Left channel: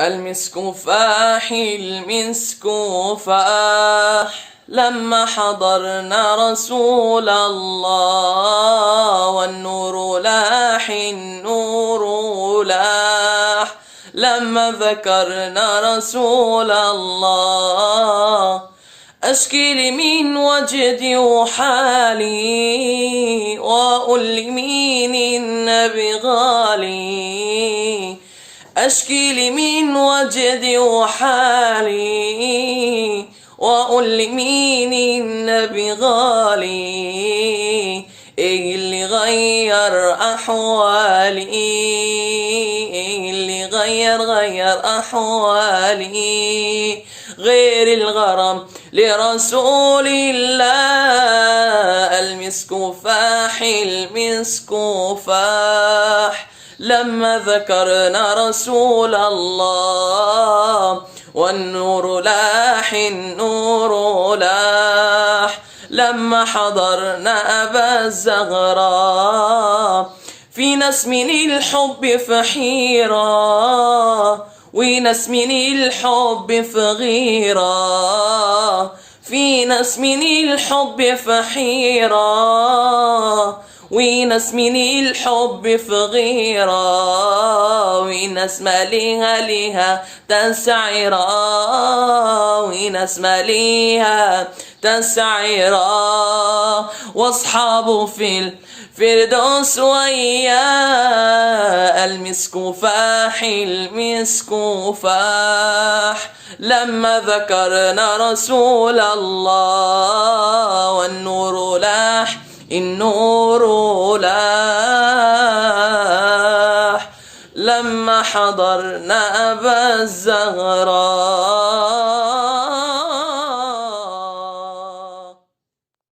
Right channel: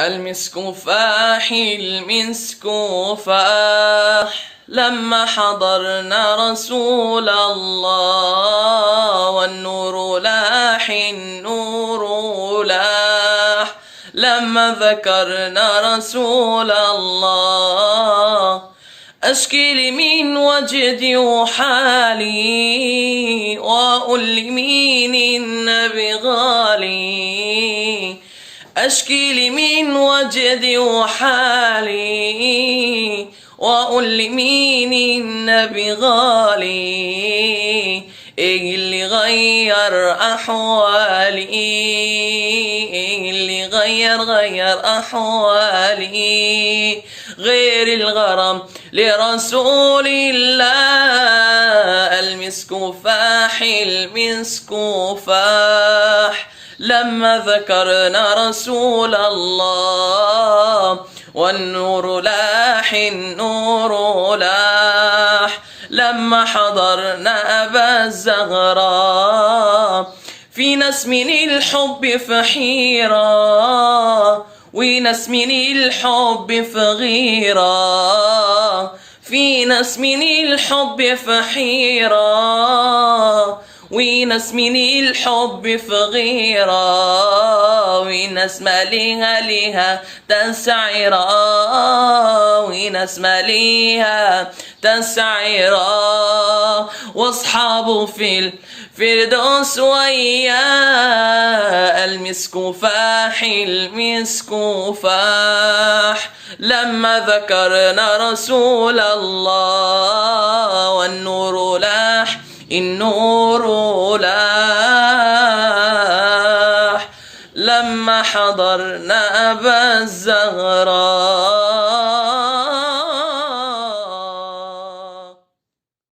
المسك فاح المسك فاح لما حضرنا رسول الله، والنور لاح النور لاح لما ذكرنا رسول الله. أشكي من وجدي وحالي وأقول من النبي غالي. أشكي من وجدي وحالي وأقول من النبي غالي. إيه اللي غير أحوالي، إيه اللي غير أحوالي غير الغرام لرسول الله. المسك فاح المسك فاح لما ذكرنا رسول الله، والنور لاح النور لاح لما حضرنا أبا الزغراء. في ناس من الحب في حيرة، وناس من الحب في غيرة. في ناس من الحب في حيرة، وناس من الحب في غيرة. وناس ما ليها تسعيرة، وناس ما ليها تسعيرة. واصحابه في الفردوس وياه. المسك فاح المسك فاح لما ذكرنا رسول الله، والنور لاح النور لاح لما حضرنا أبا الزغراء.